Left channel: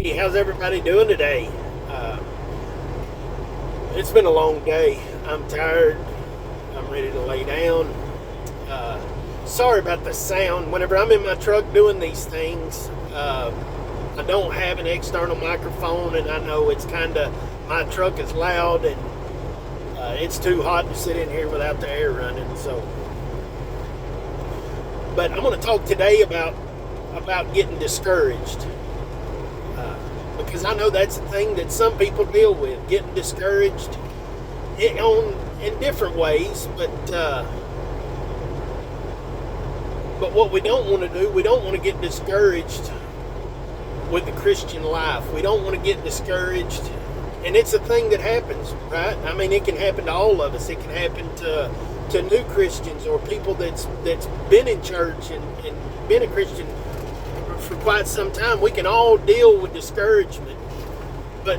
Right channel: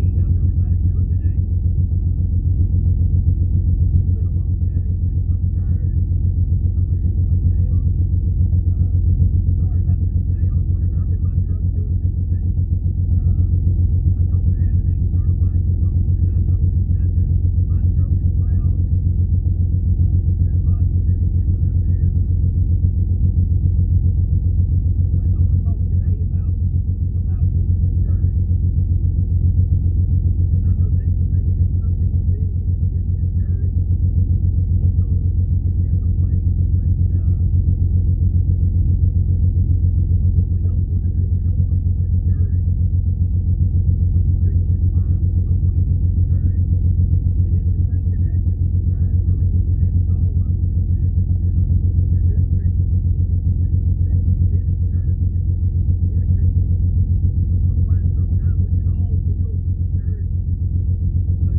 Hey, how's everybody doing today? Uh, it's been a long day. I'm tired. I'm ready to lay down. Uh, Sorry about the sound. Whenever I'm in my truck doing these things, I don't have an external microphone, and I know it's kind of my truck is loud, and it's too hot to sit in here without the air running. So, but I'm going to talk today about getting discouraged. Because I know that's the thing that some people deal with, getting discouraged in different ways. But what we don't want to do, we don't want to get discouraged with the Christian life. We don't want to get discouraged, and it's a thing that happens, right? I mean, it can happen to all of us. It can happen to new Christians or people that's been in church and been a Christian for quite some time. We can all deal with discouragement, but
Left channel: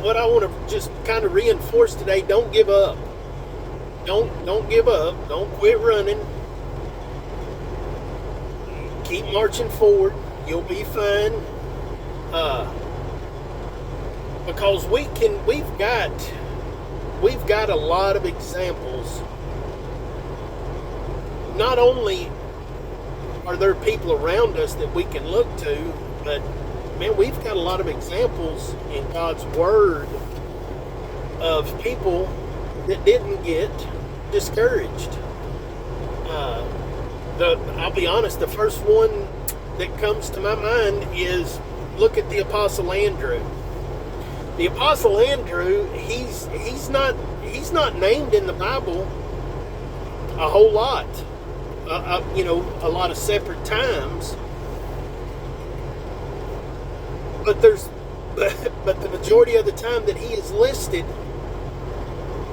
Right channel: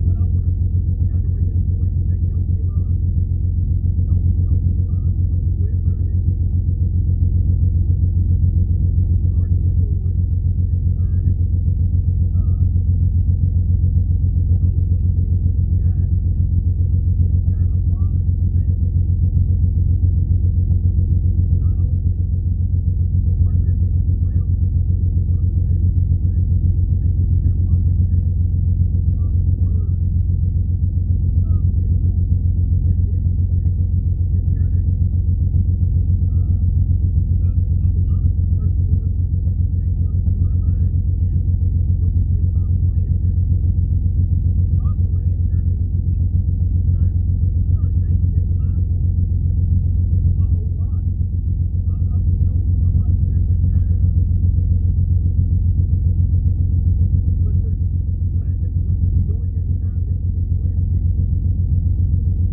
what I want to just kind of reinforce today: don't give up. Don't give up. Don't quit running. Keep marching forward. You'll be fine. Because we've got a lot of examples. Not only are there people around us that we can look to, but man, we've got a lot of examples in God's Word of people that didn't get discouraged. I'll be honest, the first one that comes to my mind is look at the Apostle Andrew. The Apostle Andrew, he's not named in the Bible a whole lot. A lot of separate times, but the majority of the time that he is listed,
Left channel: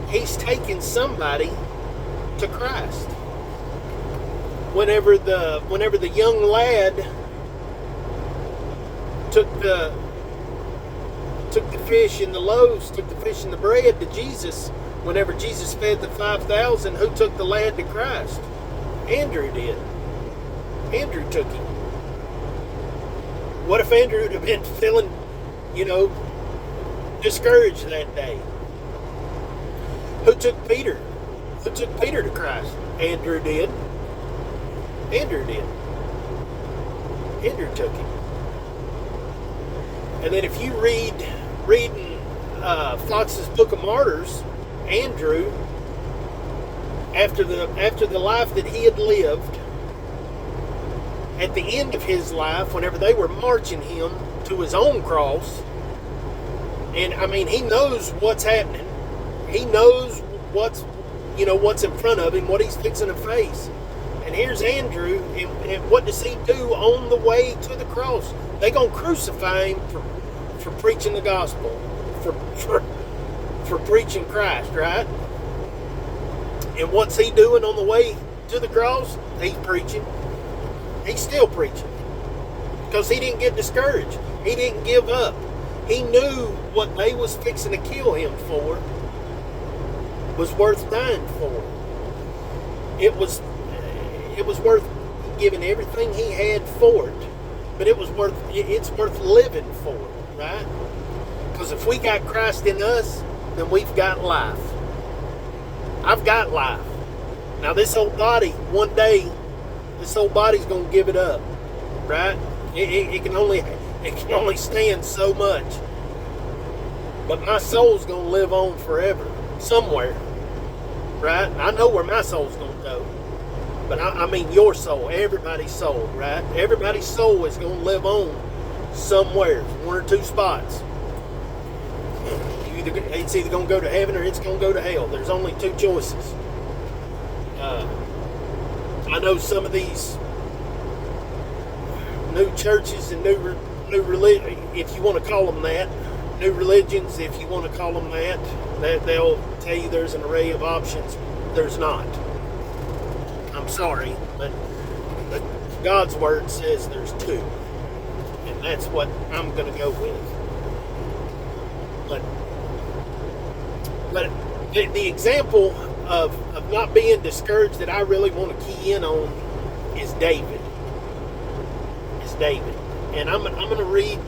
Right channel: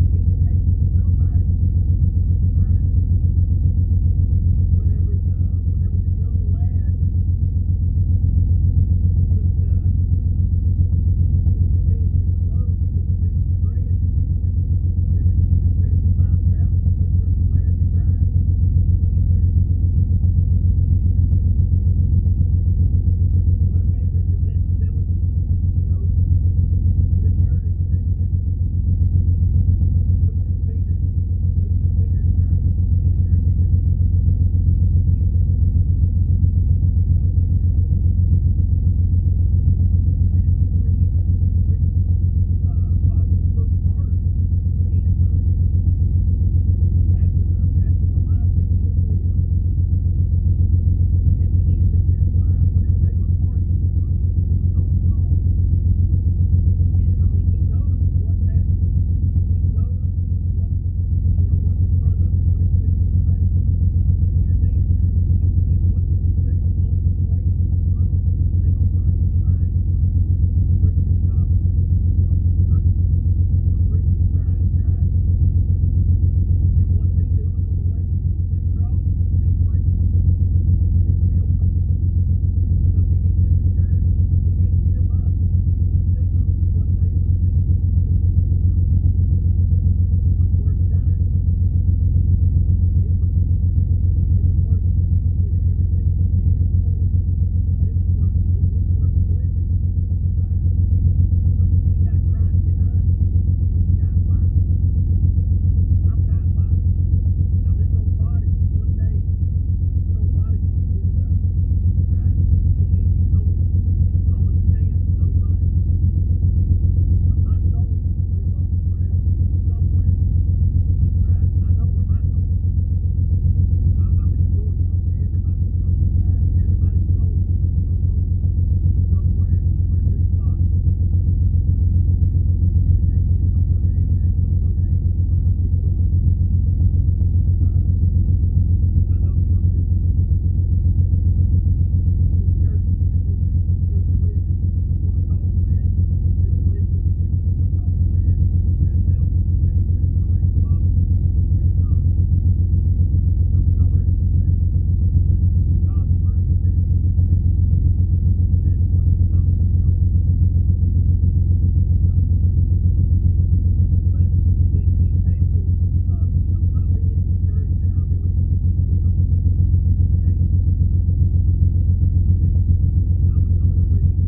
he's taken somebody to Christ. Whenever the young lad took the fish and the loaves, took the fish and the bread to Jesus, whenever Jesus fed the 5,000, who took the lad to Christ? Andrew did. Andrew took him. What if Andrew would have been feeling, discouraged that day? Who took Peter? Who took Peter to Christ? Andrew did. Andrew did. Andrew took him. And then if you reading Fox's Book of Martyrs, Andrew, after the life that he had lived, at the end of his life, whenever they were marching him to his own cross, and I mean, he knows what's happening. He knows what's in front of him, what he's fixing to face. And here's Andrew, and what does he do on the way to the cross? They're going to crucify him for preaching the gospel, for preaching Christ, right? And what's he doing on the way to the cross? He's preaching. He's still preaching. Because he didn't get discouraged. He didn't give up. He knew what they was fixing to kill him for was worth dying for. It was worth giving everything he had for it. But it's worth living for, right? Because if we got Christ in us, then we've got life. I've got life. Now this old body, one day, this old body's gonna give it up, right? It can only stand so much. But my soul's gonna live on forever, somewhere, right? I know where my soul's gonna go, but I mean your soul, everybody's soul, right? Everybody's soul is gonna live on somewhere, one or two spots. It's either going to go to heaven or it's going to go to hell. There's only two choices. I know some of these new churches and new religion, if you want to call them that, new religions, if you want to call them that they'll tell you there's an array of options. There's not. I'm sorry, but God's word says there's two, and that's what I'm going to go with. But the example of not being discouraged that I really want to key in on is David. And I'm going to read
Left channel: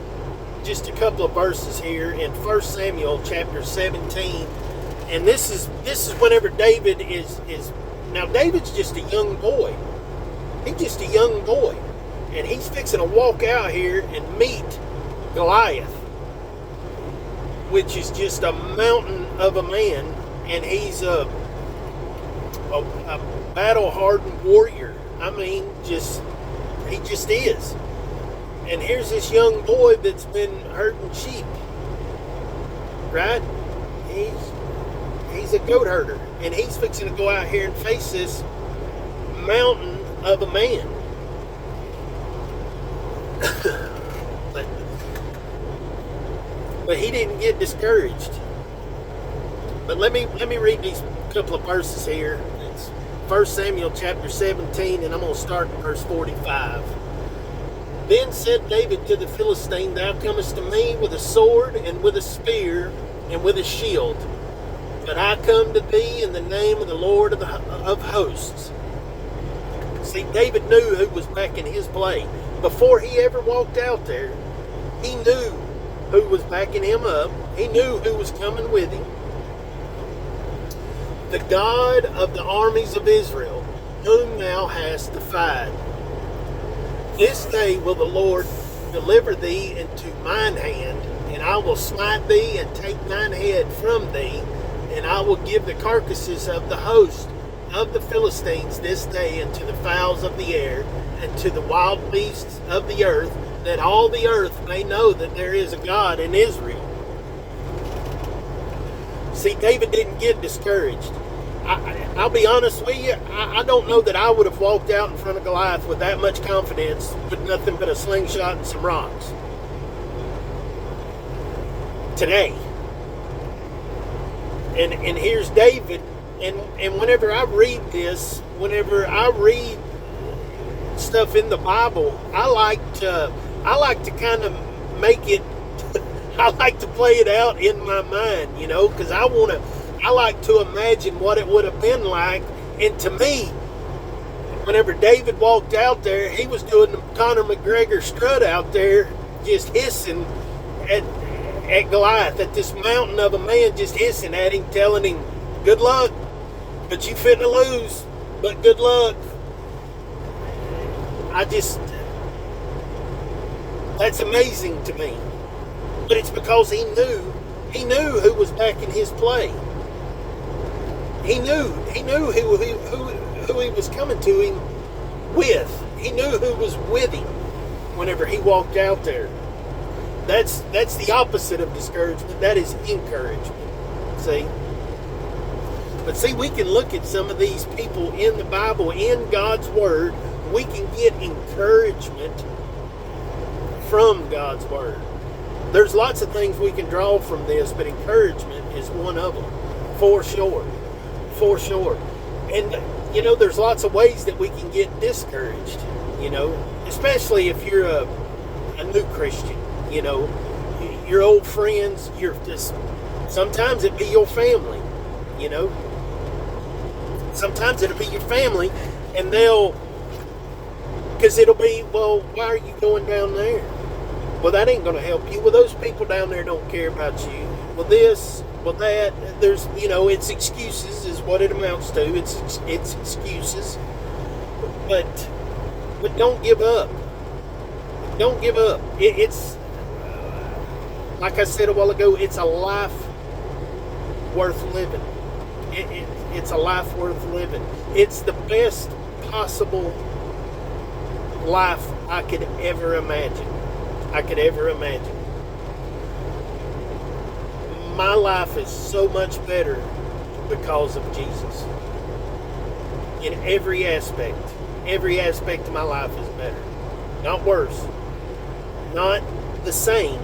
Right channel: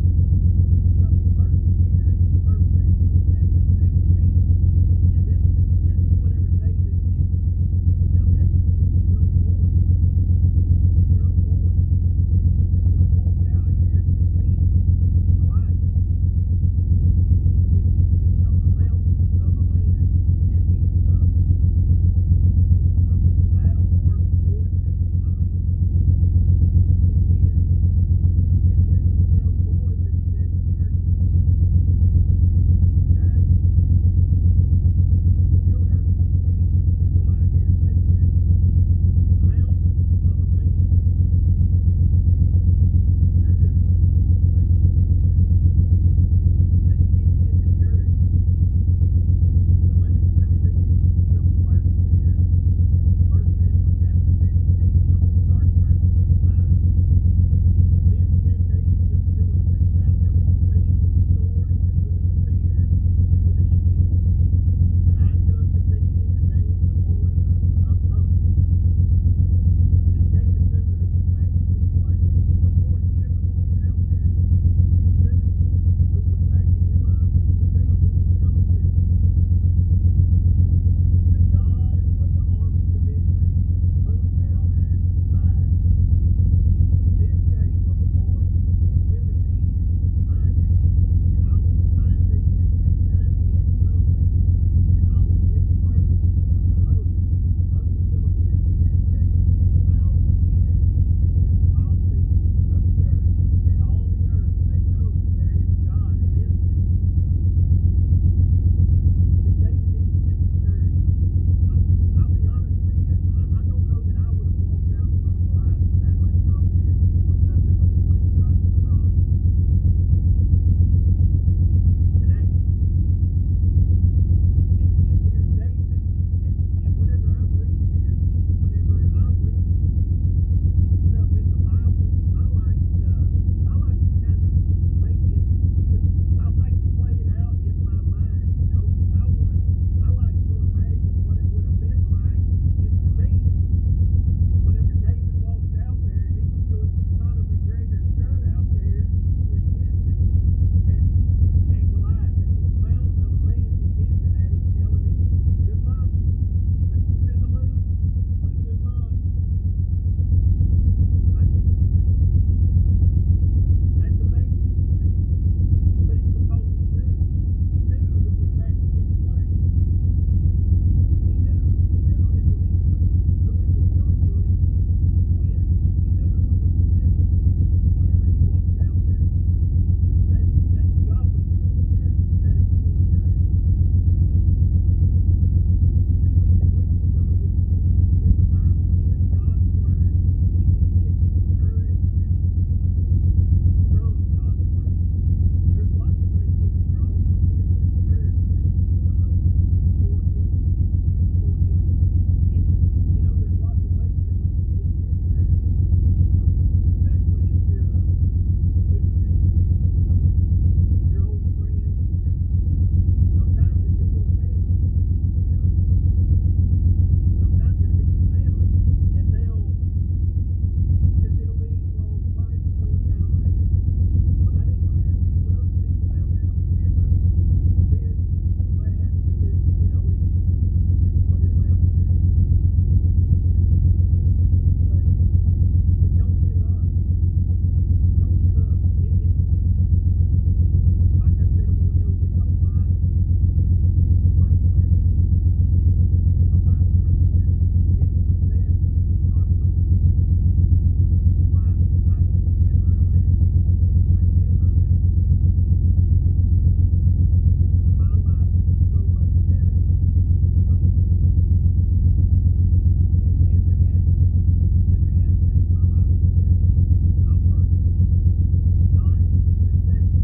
just a couple of verses here in 1 Samuel chapter 17. And this is whenever David is now David's just a young boy. He's just a young boy. And he's fixing to walk out here and meet Goliath, which is just a mountain of a man. And he's a battle-hardened warrior. I mean, he just is. And here's this young boy that's been herding sheep, right? He's a goat herder, and he's fixing to go out here and face this mountain of a man. but he didn't get discouraged. But let me read these couple of verses here. It's 1 Samuel chapter 17, and I'm going to start at verse 45. Then said David to the Philistine, Thou comest to me with a sword and with a spear and with a shield. But I come to thee in the name of the Lord of hosts. See, David knew who was backing his play. Before he ever walked out there, he knew who was backing him up. He knew who was coming with him. The God of the armies of Israel, whom thou hast defied. This day will the Lord deliver thee into mine hand, and I will smite thee and take thine head from thee, and I will give the carcasses of the host of the Philistines this day unto the fowls of the air, and to the wild beasts of the earth, that all the earth may know that there is a God in Israel. See, David didn't get discouraged. I'll be honest with you, I don't know that I would have walked out in front of Goliath with that much confidence with nothing but a slingshot and some rocks. Today. And here's David, and whenever I read this, whenever I read stuff in the Bible, I like to kind of make it, I like to play it out in my mind, because I like to imagine what it would have been like. And to me, whenever David walked out there, he was doing the Conor McGregor strut out there, just hissing at Goliath, at this mountain of a man, just hissing at him, telling him, good luck, but you finna lose, but good luck. That's amazing to me. But it's because he knew who was backing his play. He knew who he was coming to him with. He knew who was with him whenever he walked out there. That's the opposite of discouragement. That is encouragement. See? But see, we can look at some of these people in the Bible, in God's Word. We can get encouragement from God's Word. There's lots of things we can draw from this, but encouragement is one of them, for sure. For sure. And, there's lots of ways that we can get discouraged, especially if you're a new Christian, your old friends, sometimes it'd be your family, sometimes it'll be your family, and because it'll be, well, why are you going down there? Well, that ain't going to help you. Well, those people down there don't care about you. Well, this, well, that. There's, it's excuses is what it amounts to. It's excuses. But don't give up. Don't give up. It's, like I said a while ago, it's a life worth living. It's a life worth living. It's the best possible life I could ever imagine. My life is so much better because of Jesus. In every aspect of my life is better. Not worse. Not the same.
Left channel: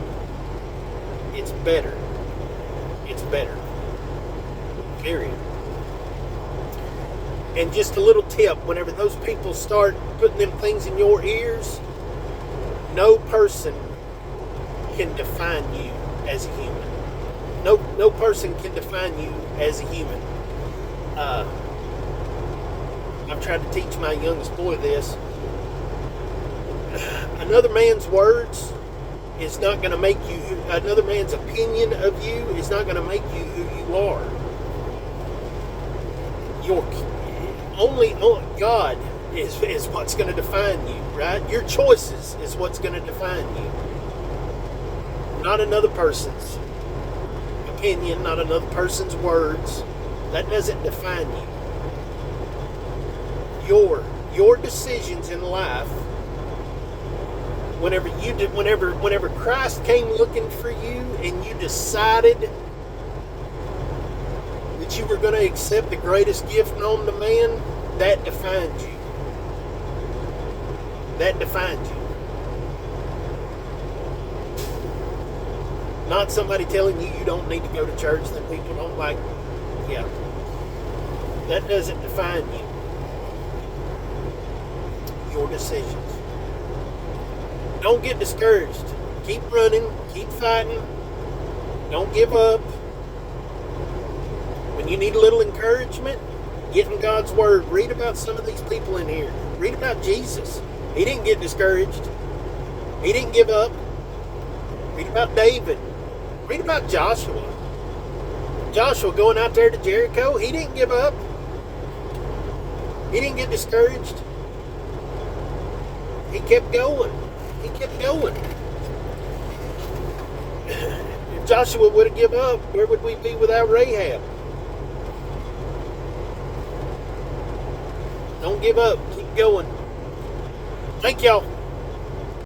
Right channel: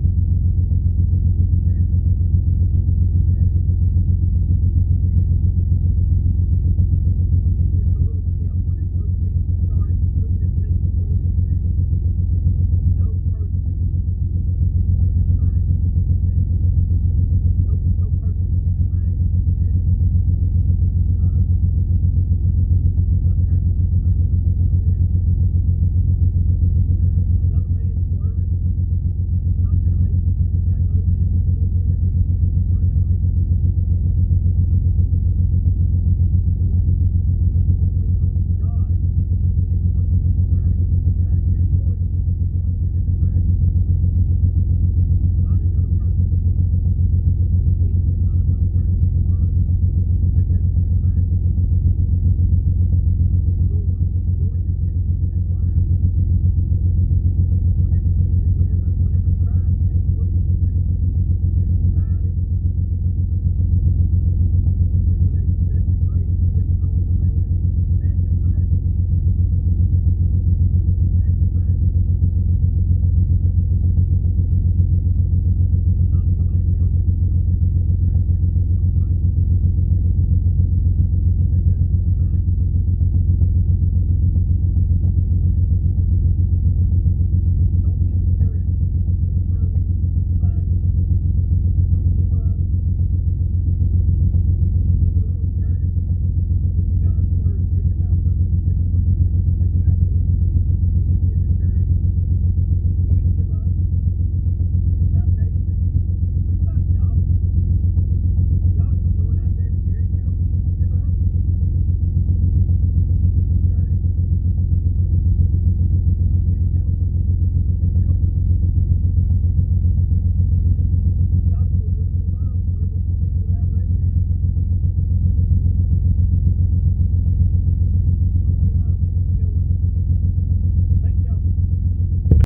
It's better. It's better. Period. And just a little tip, whenever those people start putting them things in your ears, no person can define you as a human. No person can define you as a human. I've tried to teach my youngest boy this. Another man's words is not going to make you, another man's opinion of you is not going to make you who you are. Your only God is what's going to define you, right? Your choices is what's going to define you. Not another person's opinion, not another person's words. That doesn't define you. Your decisions in life, whenever Christ came looking for you and you decided that you were going to accept the greatest gift known to man, that defined you. That defined you. Not somebody telling you you don't need to go to church that people don't like. Yeah. That doesn't define you. Your decisions. Don't get discouraged. Keep running. Keep fighting. Don't give up. When you need a little encouragement, get in God's Word. Read about some of these people in here. Read about Jesus. He didn't get discouraged. He didn't give up. Read about David. Read about Joshua. Joshua going out there to Jericho, he didn't give up. He didn't get discouraged. He kept going. He kept going. If Joshua would have given up, where would we be without Rahab? Don't give up. Keep going. Thank y'all.